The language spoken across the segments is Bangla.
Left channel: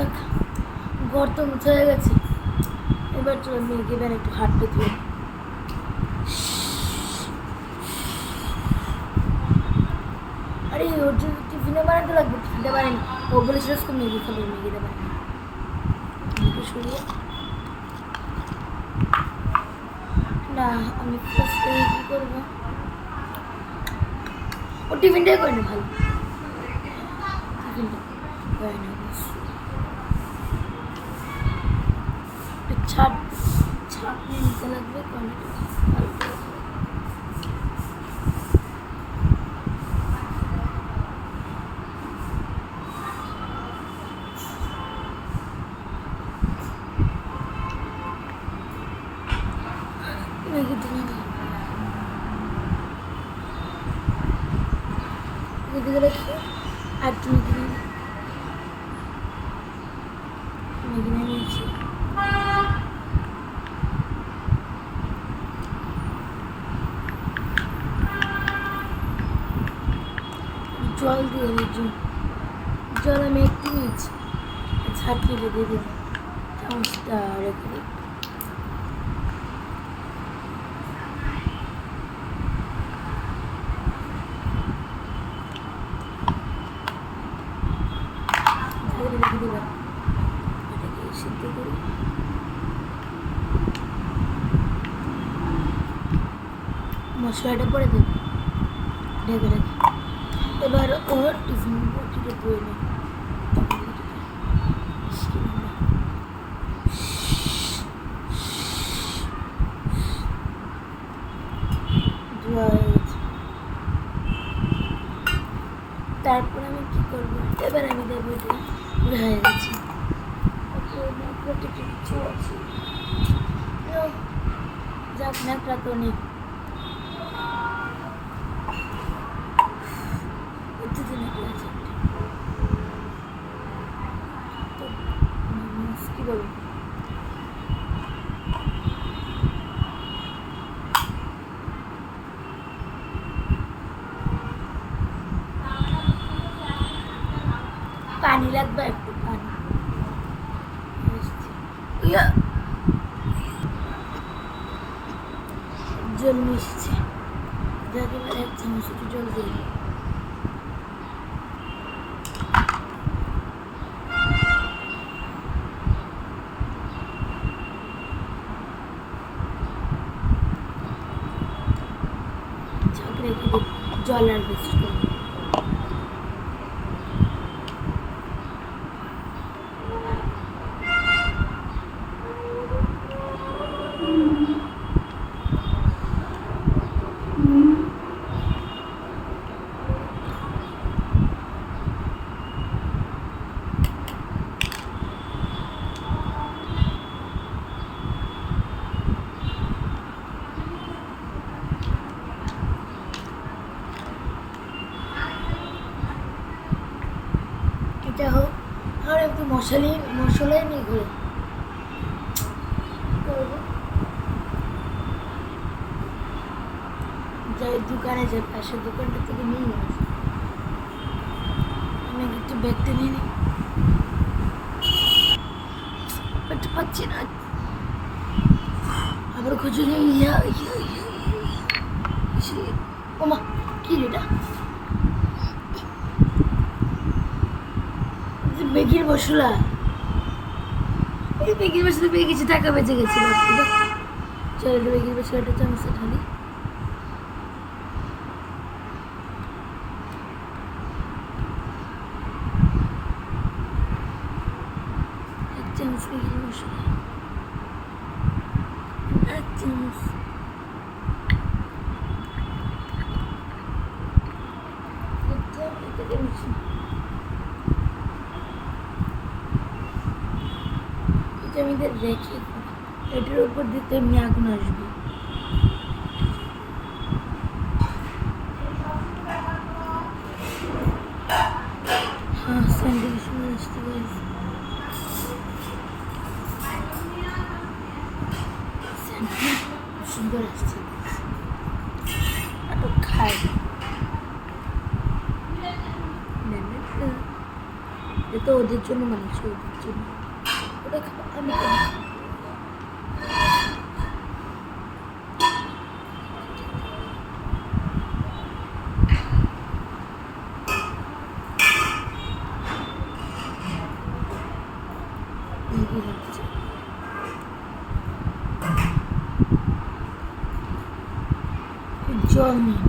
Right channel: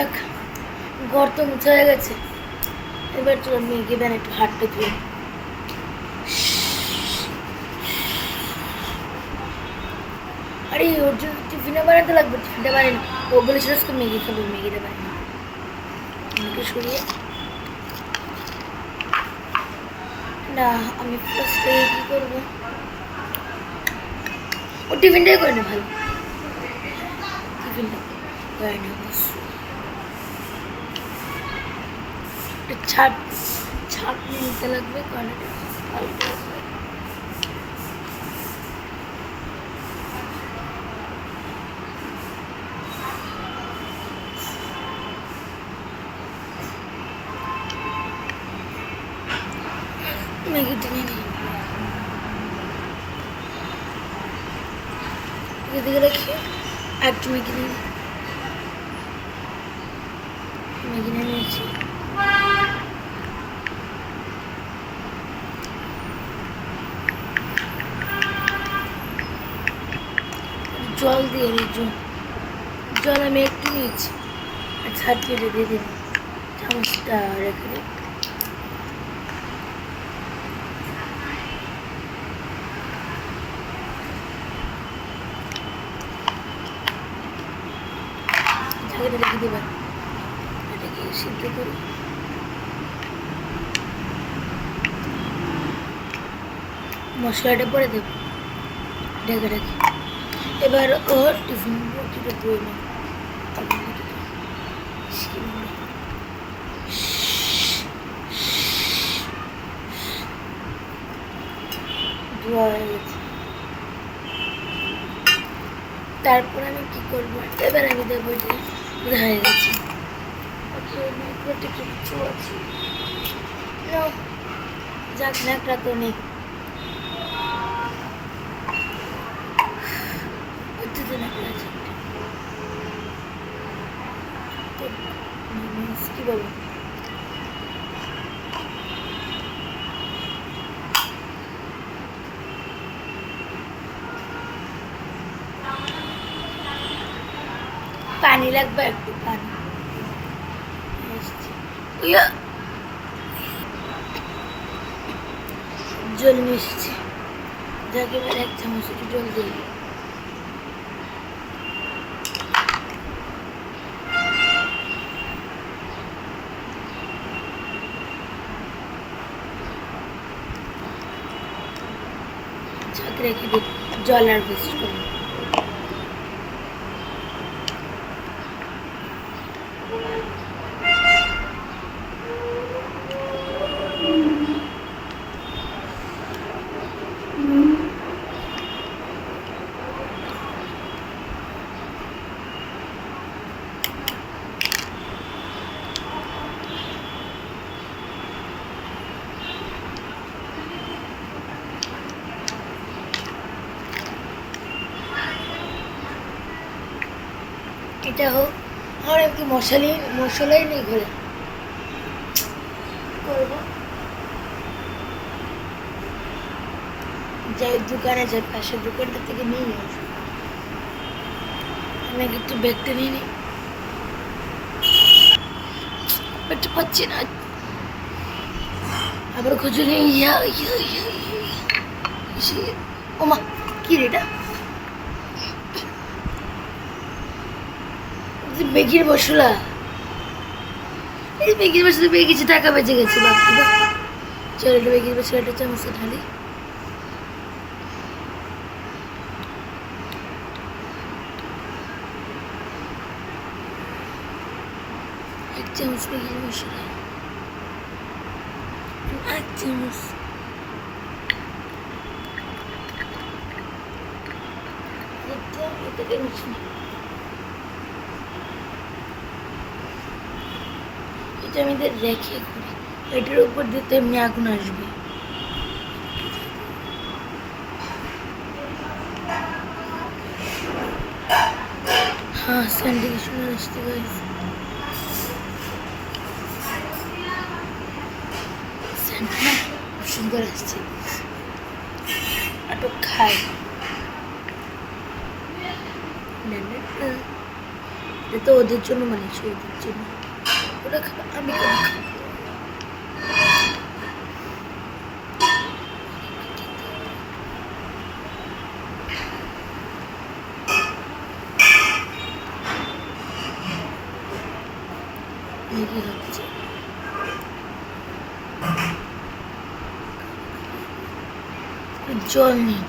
যাক, ঘর তো মুছা হয়ে গেছে। এবার চলো মেয়েকে দেন একটু হাঁটতে দিয়ে। আরে ওর জন্য টিফিনে বানাতে লাগবে, টিফিনটা বানাই না। ও বলেছিল আজকে ম্যাগি খাবো, ম্যাগিটা বানাই না। মেয়েকে সরিয়ে না, আমি ফার্স্টে কী করবো, ও টিফিনটাই করে না ভালো, টিফিনটা করে না ছাট ছাটনি নিতে লাগবে, কারণ ভালো লাগবে। ম্যাগি দিয়ে নিই, এদিকে রাখি আর একটু ম্যাগি নিয়ে নিই। ম্যাগি নিয়ে নিয়েছি। জল দিয়ে নিই, জল আমি একটু নিয়েছি আর ছাড়িয়ে দিয়ে দিন, চামচটা রেখে দিই। রেখে দেবেন, এটাকে সিদ্ধ করি। মশলাটা পরে দেব, ঢেকে রেখে। এবার ওর টিফিন বটিটা ধুয়ে নেব, ধোয়া হয়ে গেছে। তারপর আমি কী করবো, এবার আমি দেবো যে হয়ে গেছে। ওকে, ন্যাকড়াটা কিছু আছে, যাক ন্যাকড়া তো নেই। কি বলবো, পানি লাগবে, একটু পানি। জল মিশছে, যাকে এবার এক চামচ একটু জল দিয়ে দিই। ঝাঁকে রেখে দিই, জল আর বেশি করবো। এটা হোক, আর একটু মশলাই নেই ঘরে, করবো যাই দোকানে যাই, পাশের দোকানটা থেকে নিয়ে আসবো। আমি একটু ব্যাগটা নিয়ে নিই, একটু পাচ্ছি না, আবার খুঁজে নেই। ওমা কি রে এটা, বেগির মশলা, এই বেগির মশলা পেয়ে গেছি, টাকা বেঁচে গেছে বাপু। চল এটা বেগির মশলাটা চামচে ঢালি। এক চামচ বেগির মশলা, এক চামচ এটা আমি রেখে করি, এটার উপর দিয়ে তো এমনি আগুন আসবে। হ্যাঁ, স্যান্ডেল শুনে আসতে পারি, স্যান্ডেল সুন্দর আসছে, একটু খাই। এটা তো ওদের জন্য বানিয়েছি, ওদের জন্য। ওরা খাবে, আমি কেন খাবো? ম্যাগি হচ্ছে, জল নেই।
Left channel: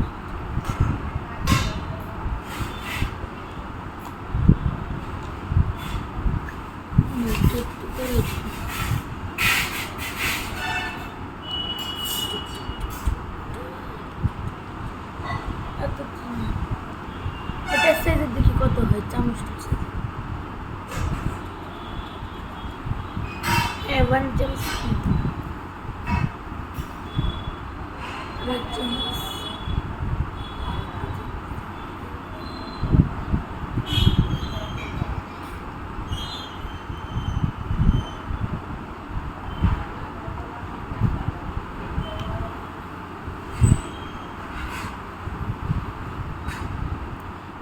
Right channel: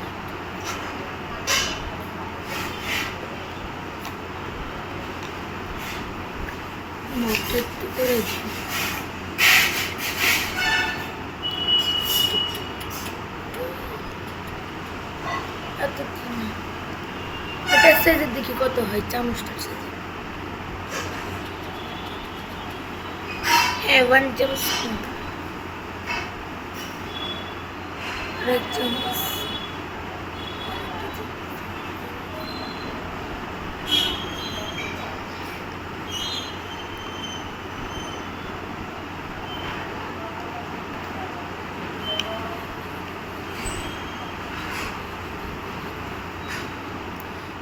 মধ্যে একটু করে দিই। এত এটার সাইজের দেখি কত হয়, চামচটার সাইজে। হ্যাঁ, 1 চামচ, আর 1 চামচ।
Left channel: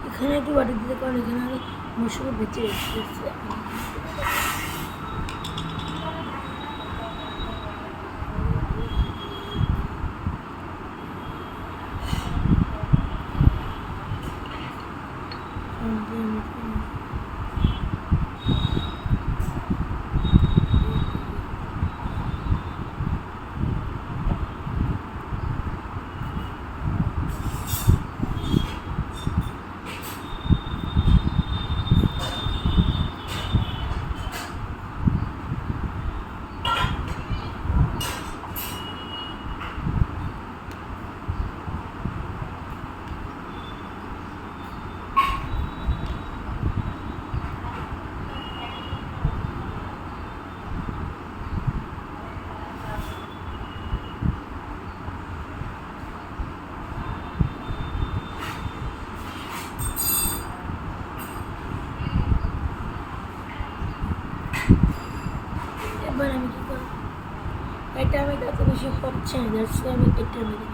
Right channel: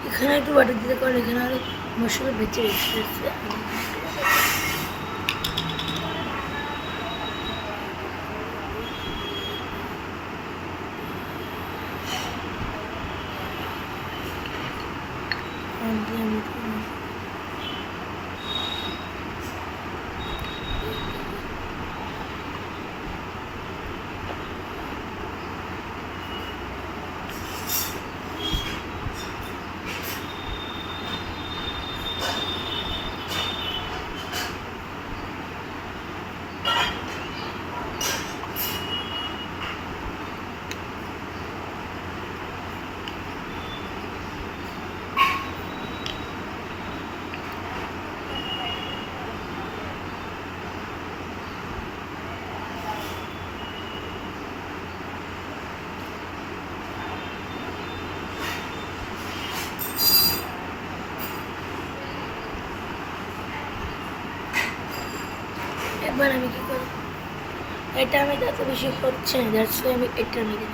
এখানে একটু বাটার দিতে, কারণ এখানে আরো মশলা বেঁচে রেখেছে। এবার আমি কি করব? এটা আমি এত বেশি হচ্ছে না, দ্যাটস ওয়াই আমি এটা নিয়ে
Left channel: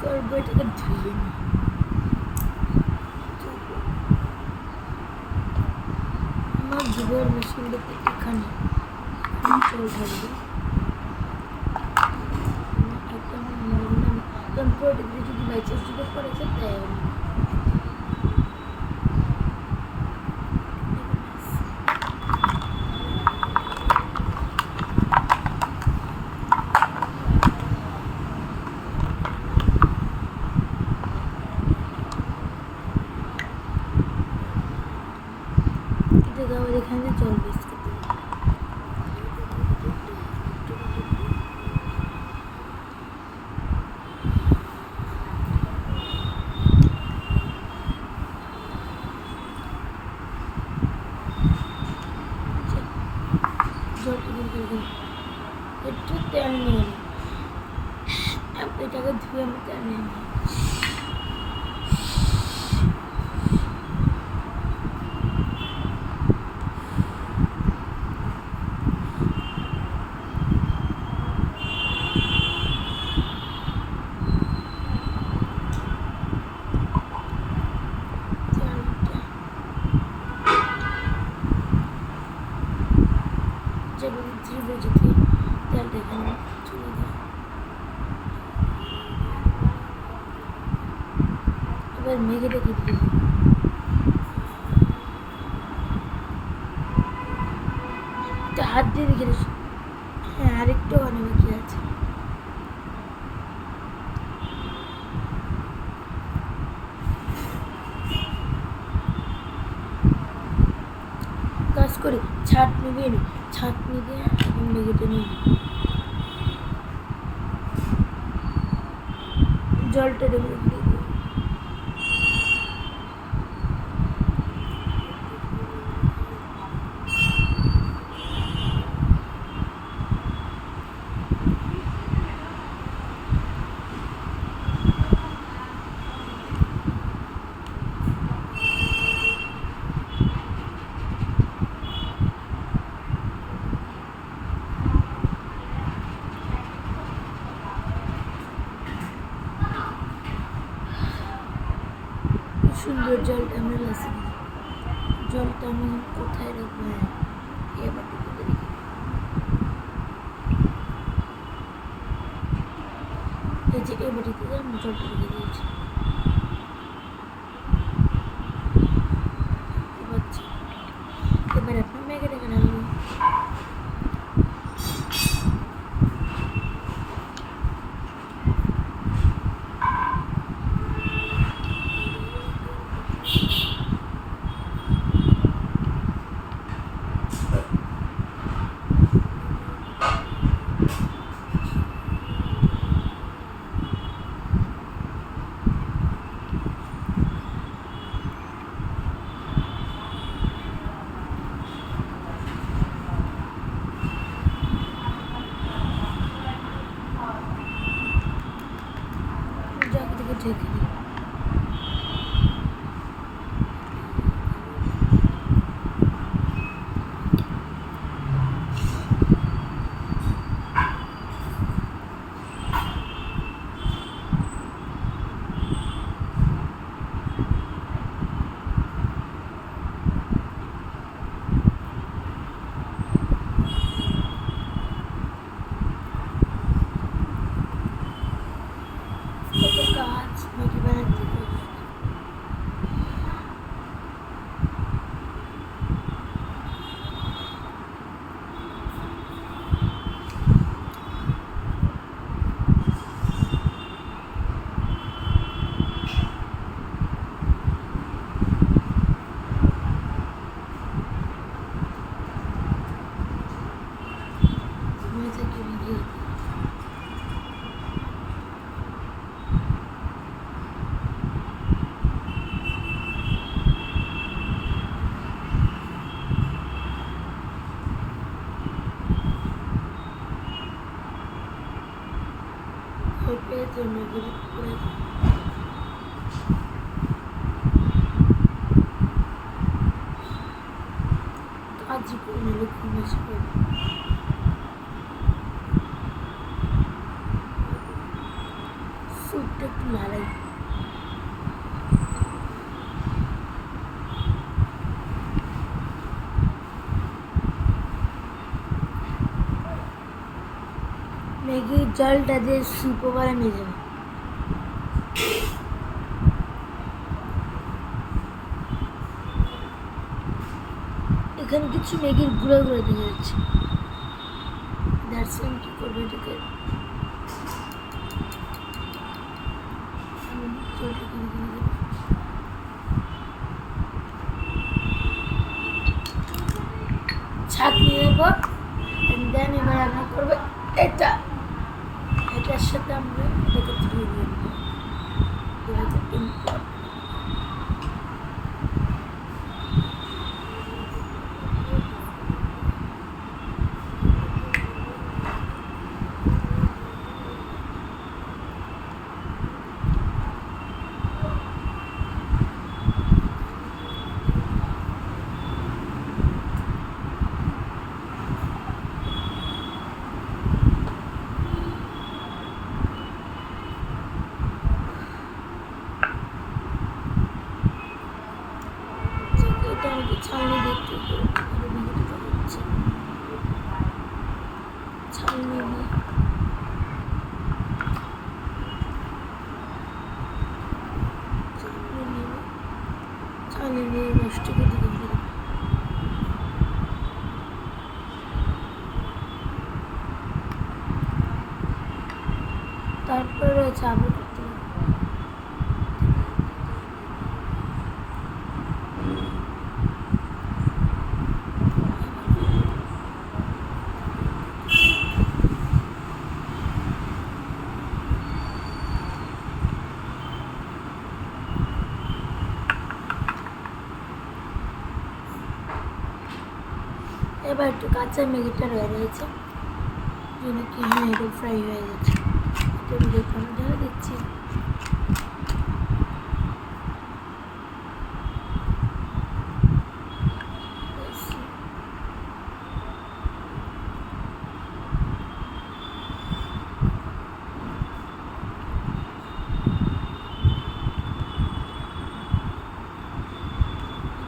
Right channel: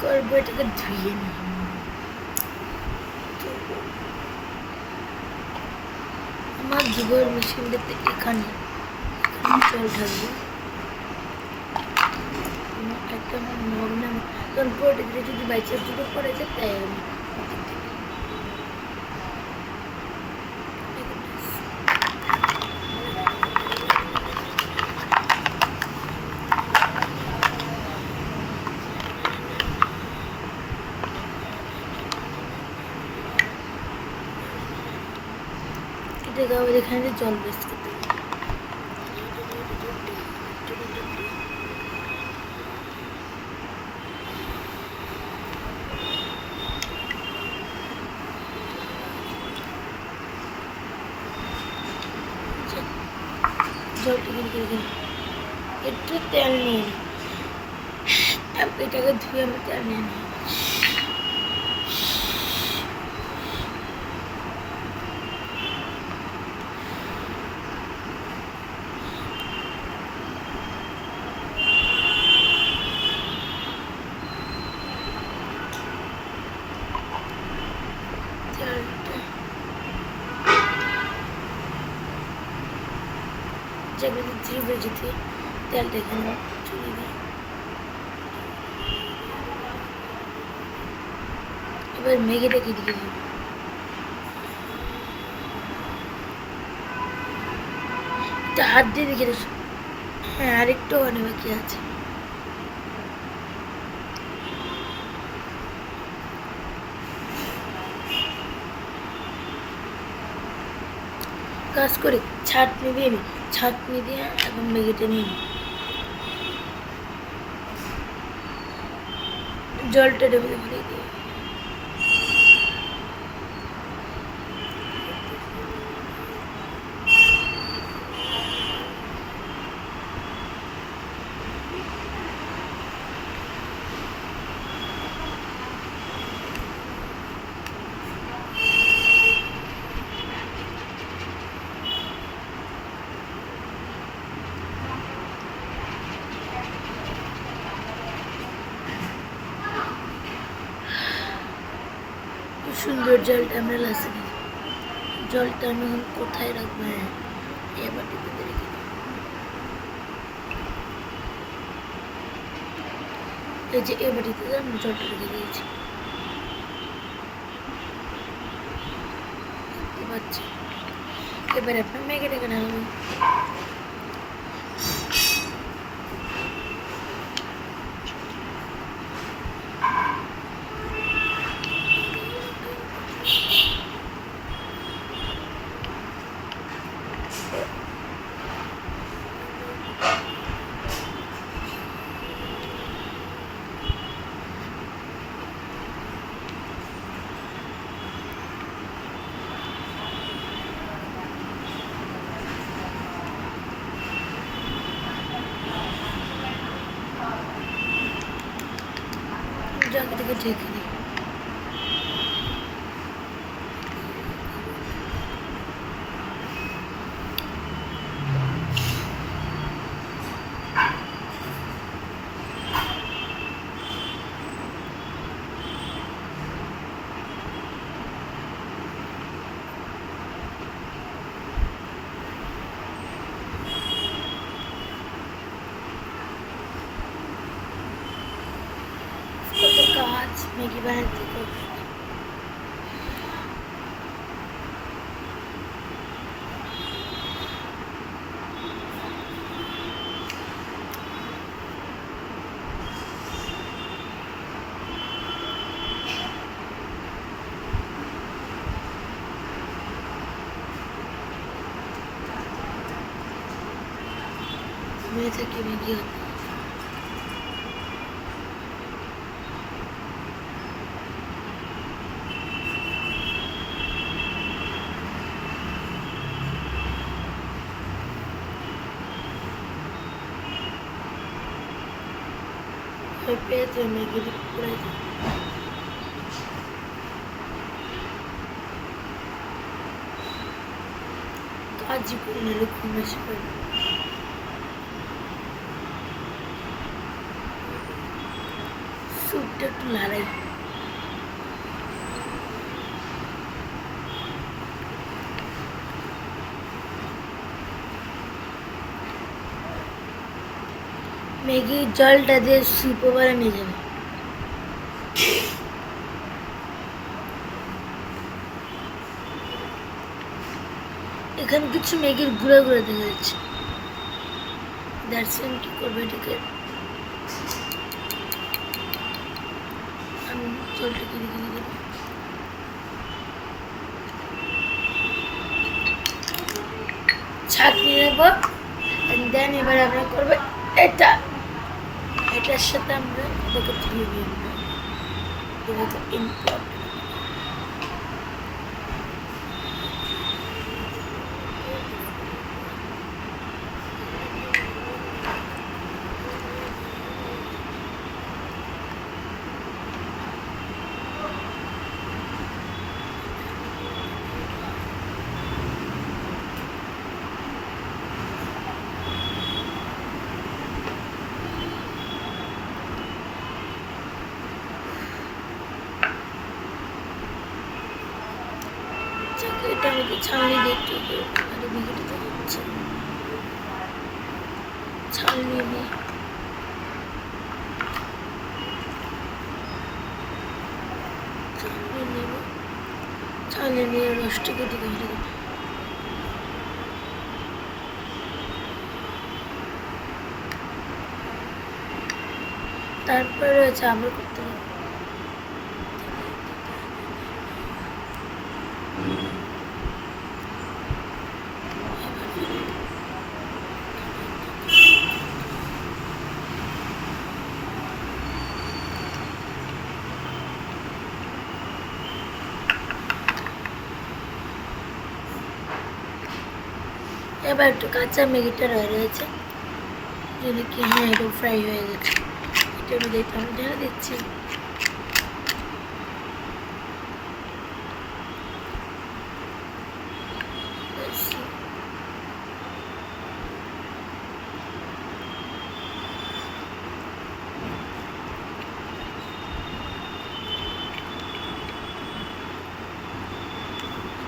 করবো, এটাকে ধুয়ে নিই। আমার ধুবোর মেশিনটাতে এখানে জল ঢালবো। একটা আমার মগ না, কারণ পরে যদি বাই চান্স যদি পড়ে যায়, তাই আমি এখানে জল বেশ করতে জলটা কিন্তু একটু তেল নিয়ে নিই, এটাকে ধুয়ে আমি তেল নিয়ে নিই। যেগুলো জিভে যদি তেলটা এখানে চলে যায়, এবার ম্যাগিটাকে দিয়ে দিই। এটা হাত দিয়ে দেখে, হ্যাঁ আরেকটু অনেক বাকি আছে। কাজ করি, ছাঁকনি দিয়ে নিই, ছাঁকনি দিয়ে এখন ম্যাগিটা নিই। জলটা ডেবে ভরে দিই। সুন্দর জলটা আমরা লাসে দিই। জলটা আমি এখন কোথায় রাখবো? হ্যাঁ, এ বাটিতে রেখে এই যে এ বাটিতে আমি জলটা রেখে দিয়েছি। দেখতে পাচ্ছি। এবারে আপনার ম্যাগিটাকে ঢালবেন। জায়গাটাকে ঢেকে দিই। কত কাজ ম্যাগি বানাতে হবে। মেয়ে থেকে ম্যাগি হতো। পেঁয়াজে ম্যাগি পড়ে যায়। কাজই করে নিলে খুব বেশি করে স্যুপটা একটু লাড়াই। ম্যাগির জলটা দিয়ে স্যুপও বানিয়ে যাবে। এখানে কিছু ম্যাগির গুঁড়ো গুঁড়ো দেখা যাচ্ছে। দ্যাটস কি করবে এটাকে? আমি জলটাকে রেখে দিয়ে দেবো। ছাঁকনি নেব। দেন এবার আমরা করবো এটা। এটার সাথে আমরা এটাকে ধুয়ে নিয়ে নেবো। এটা তো ইম্পর্টেন্ট। এটা আমাকে ছালনি দেখতে হবে। আরে বিঘেটা তো হচ্ছে ছালনি নিয়ে ছালনি নেব। ছালনি নিয়ে রসটাকে দিকে ফেলে দেবো। তারপরে রয়েছে আবার করতে হবে। এবার একটু কাঁচা ম্যাগিটা রয়েছে, যদি কি হ্যাঁ একটু ফ্রাই হয়ে গেছে। এটার মধ্যে আমি ঢেলে দিচ্ছি।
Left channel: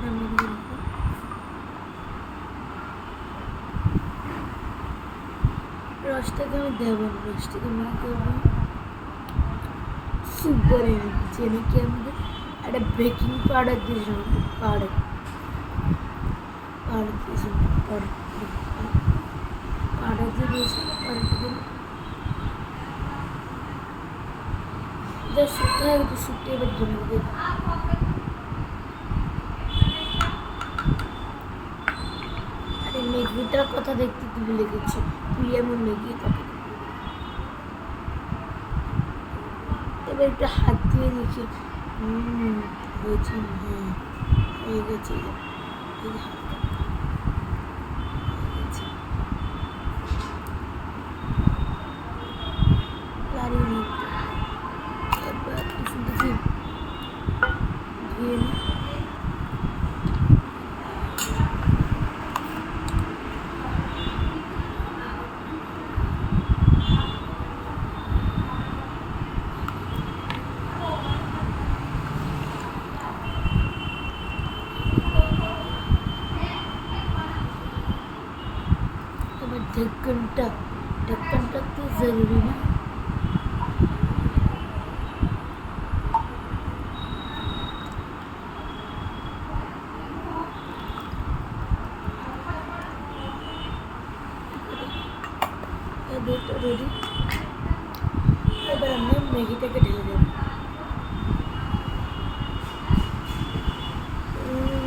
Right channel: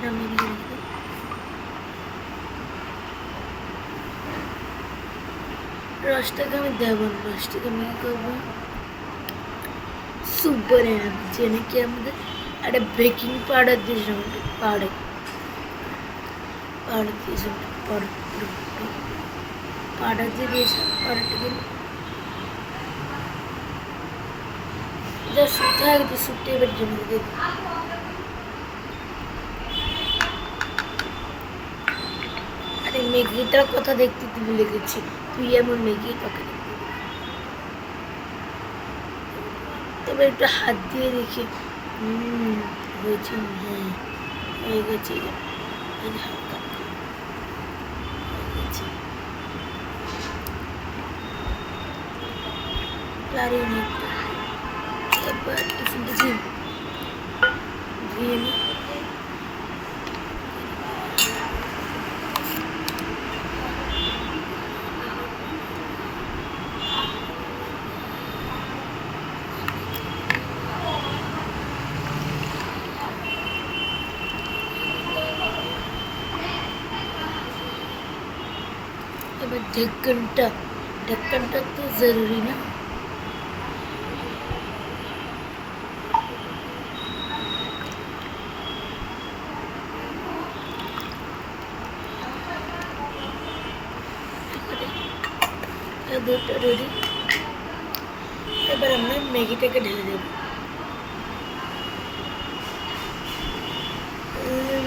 আমি রসটাকে আমি দেবো না, রসটাকে আমি কী করবো, সুপার এনার্জি নাকি আমাদের একটা বেকিং পাউডার দিয়েছিলাম, পাউডার পাউডার দিয়েছিলাম, পাউডার দিয়ে দিয়েছিলাম, পাউডারটাকে যা শুকতে হয় গেছে, শুকতে এবার জমে দিয়ে আরে ম্যাগিটার কথা দেখতে তুই ভুলে গেছি, তুই এমন ম্যাগি তোকে এবার একটু হাত দিয়ে দেখি হয়েছে, হ্যাঁ হয়ে গেছে, হালকা হয়ে গেছে, পারি না এবার একটু দেখি ধুয়ে নিই। এবার ঢাকনটা তো জরুরি না, দুধটা রেডি। এবার আমরা ম্যাগিটাকে ঢেলে দেব,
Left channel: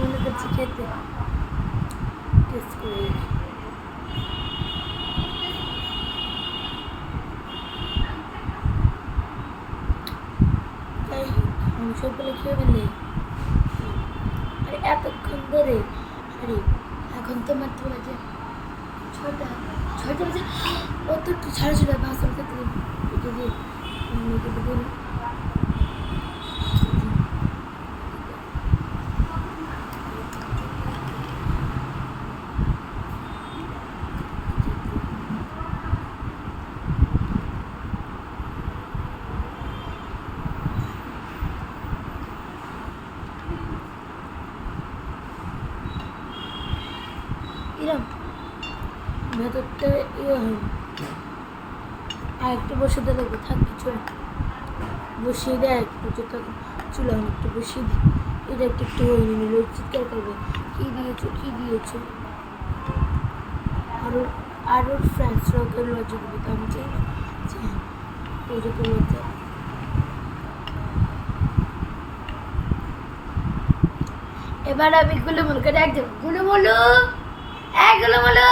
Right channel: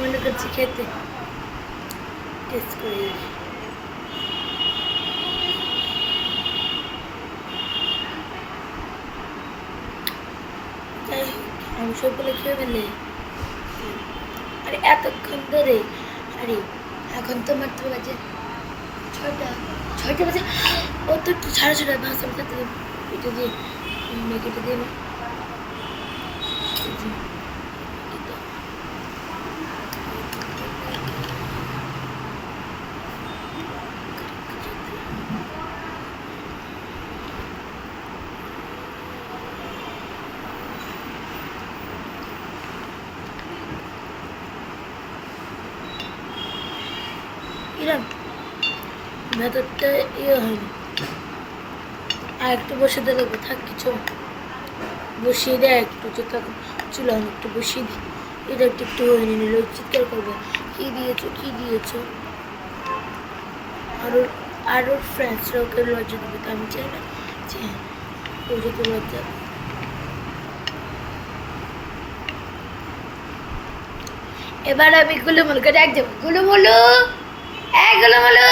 মনে করছি খেতে টেস্ট করে দেখি। যাই হোক আমি সবগুলো খেয়ে ফেলে, আরে এতক্ষণ ধরে, আরে এখন তো মাত্র বাজে ছয়টা বাজে, ও তো একটু সাড়ে ছটা ভাষা খেতে দেবে, এটা দিয়ে ম্যাগিটা দিয়ে এরম ভেতরটা ইয়ে হয়নি, আর একটু বসে দিলে থাক কিছু বসিয়ে দেয়, একটু যেটা চুলা একটু বসিয়ে দিই, এটা একটু একটু হয়ে নিল, চিৎকার করবে কী দিয়েছো কী দিয়েছো, আর ওর ফ্রেন্ডসরা ওকে লজ্জা দেবে, তো আমি চাই না যে ও যাতে লজ্জা। এবার আমি গুলুমুলু করে এক যাবো, গুলুমুলু গুলুমুলু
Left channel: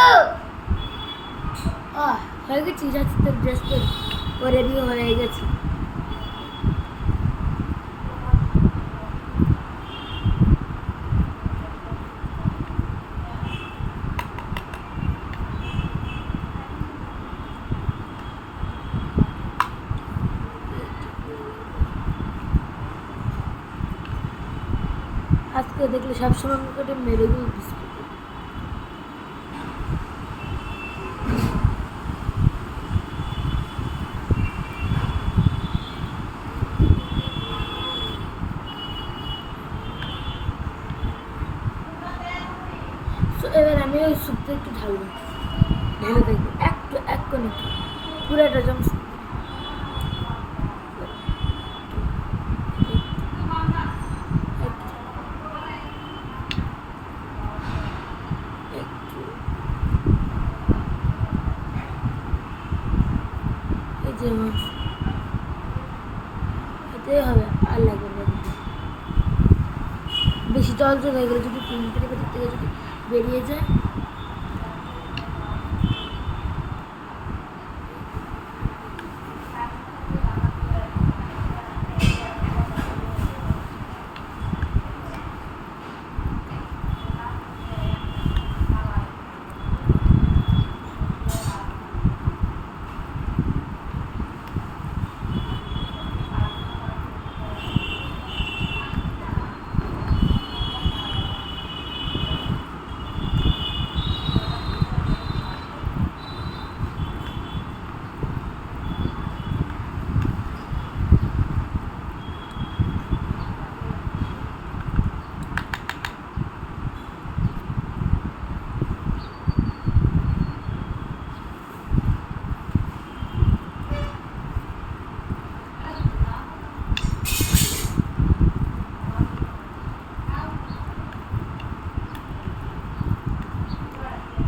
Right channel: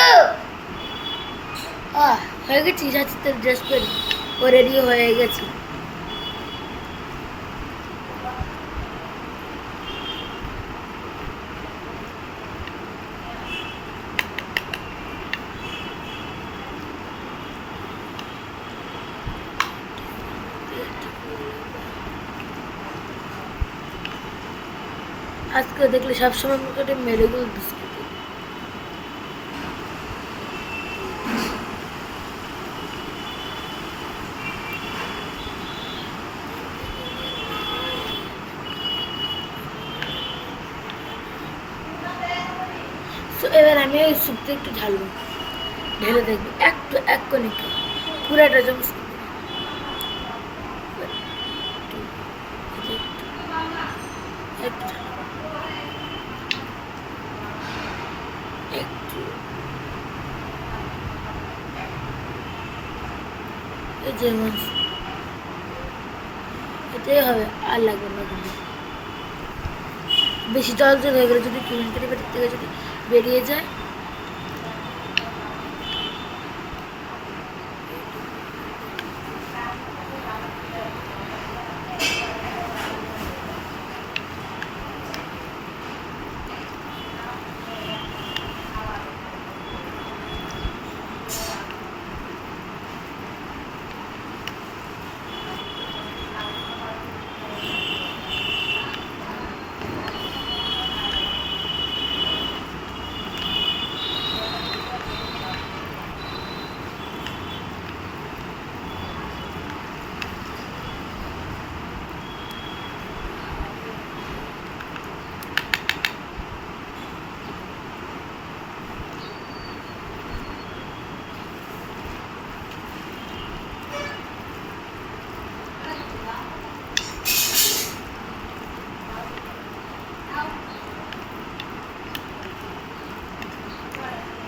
হয়ে গেছি, যাচ্ছি তোর ড্রেস পরে, ও রেডি হয়ে গেছে। আজকে দেখলে সবসময় করে মেরেগুল বিস্কুট, এবার আমি ওই স্যুপটা একটু ঢালবো, ঢেলে দেখবো একটু এক কোণে পুরাটা যেমন একটু এই যেমন এটাই হবে, আর লাগবে না, বেশি জল জল হয়ে গেলে যদি কিলোমিটার বাড়ির থেকে যদি বেরিয়ে যায়,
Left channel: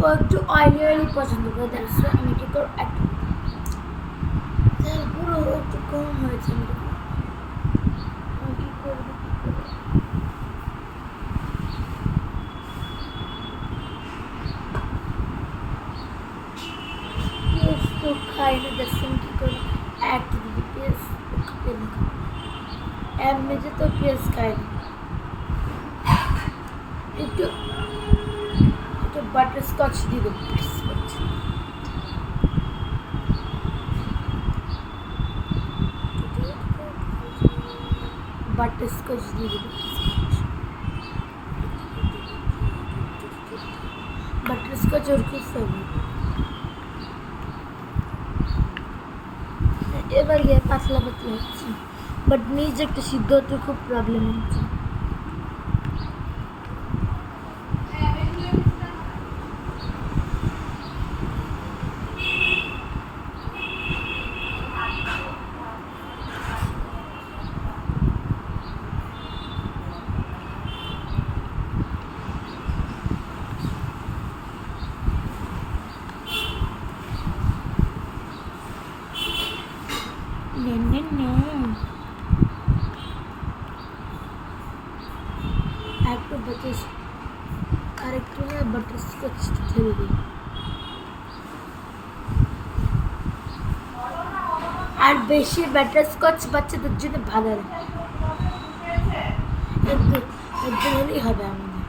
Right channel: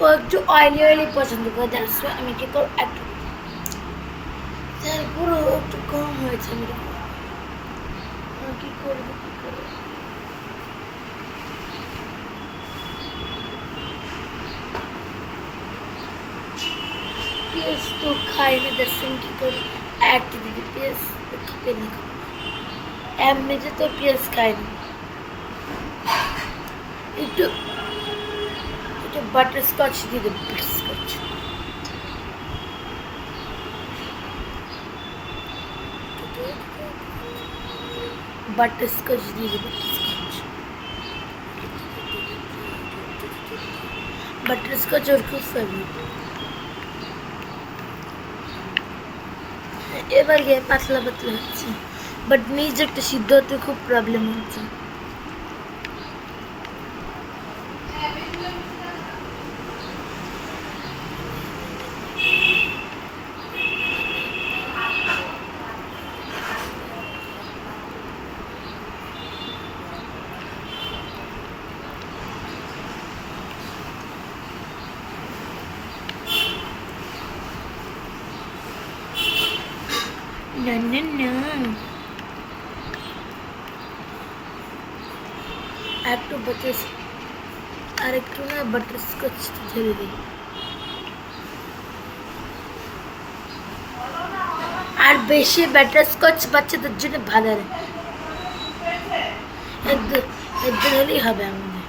ও একটু অয়েলি অয়েলি পছন্দ করে, দ্যাটস ওয়াই আমি কি করব একটু তেল পুরো একটু কম হয়েছে, আমি কি করবো কি করবো। পেঁয়াজ তো খাই না, দ্যাটস ওয়াই কি করবো একটু দিদি পেঁয়াজ খাবে না, এমনিতে তো পেঁয়াজ খাই না। একটু একটু বাটার স্কচ দিয়ে দেবো, বাটার স্কচ। বাটার স্কচ দিয়ে দেবো, বাটার স্কচ ওর খুব ফেভারিট। এবার গিয়ে পাতলা পাতলা হচ্ছে, বাট নিজ একটা সিদ্ধ হতে খুব প্রবলেম হচ্ছে। No, no, no. একটু বাটার আর একটু না বাটার স্কচ ঢেলে দিই। আর বেশি বাটার স্কচ বাচ্চাদের জন্য ভালো না, একদম হলেই হবে আমাদের।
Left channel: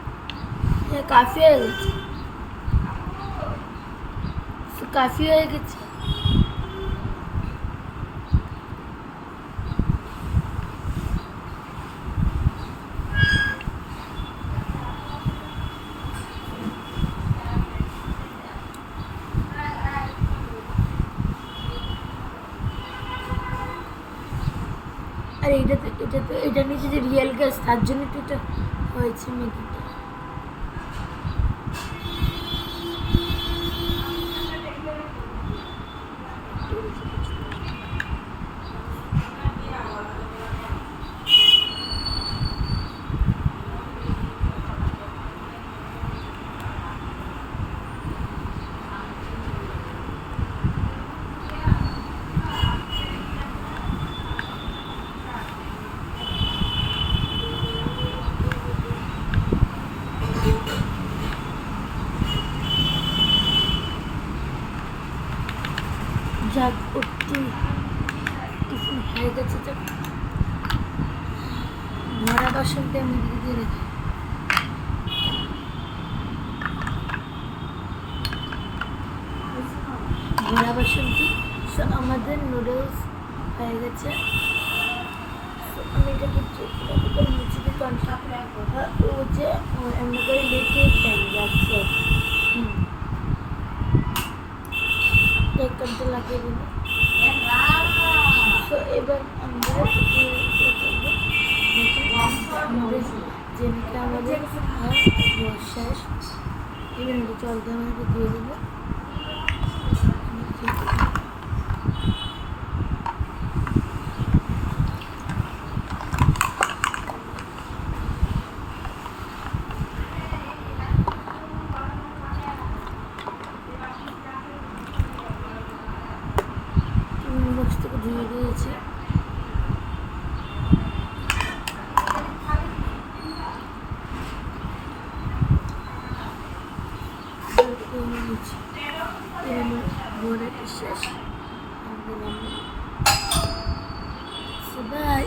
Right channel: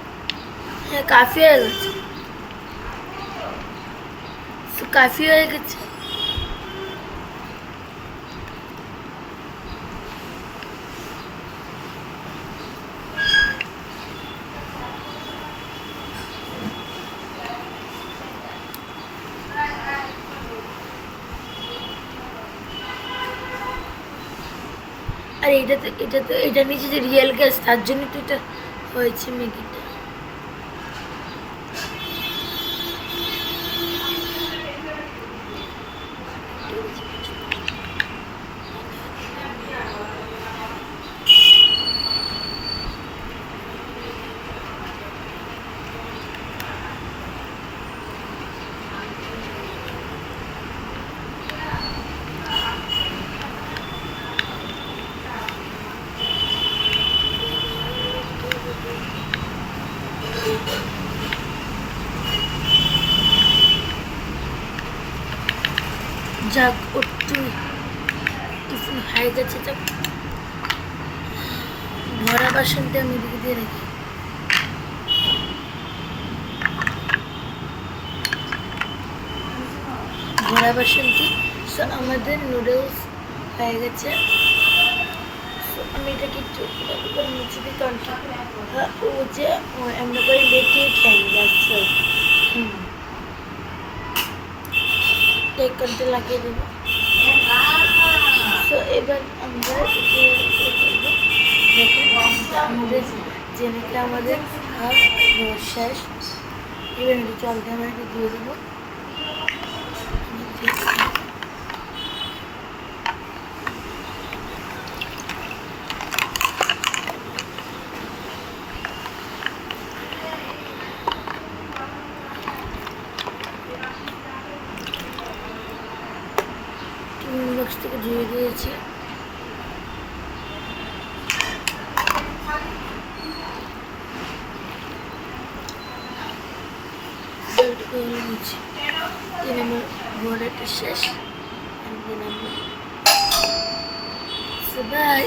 হ্যাঁ কাফি হয়ে গেছে, কাফি হয়ে গেছে। আর এটা নিচে যে রিয়েল গ্যাস, তার জন্য তো এটা হয়েছে ম্যাগিটা। যাক একটু টিফিন হয়ে গেছে, যাক ভরা বাসনটা আমি দিকে দিয়ে রাখি। ভরা বাসনটি আমাদের নুডলস হয়ে গেছে। আমি এটাকে একটু নিচে দিকে ও যে এমনি করে লেটিয়ে খাই যাচ্ছে। ঢাকনটা লাগিয়ে দেবো। তো এবার আমরা আমাদের জেনেকে আমাদের শেষ। এবার জলটা আমরা দিয়ে দেবো। বক্স থেকে ধুয়ে দিয়েছি। আমার ঘোরাটা শেষ। বাই।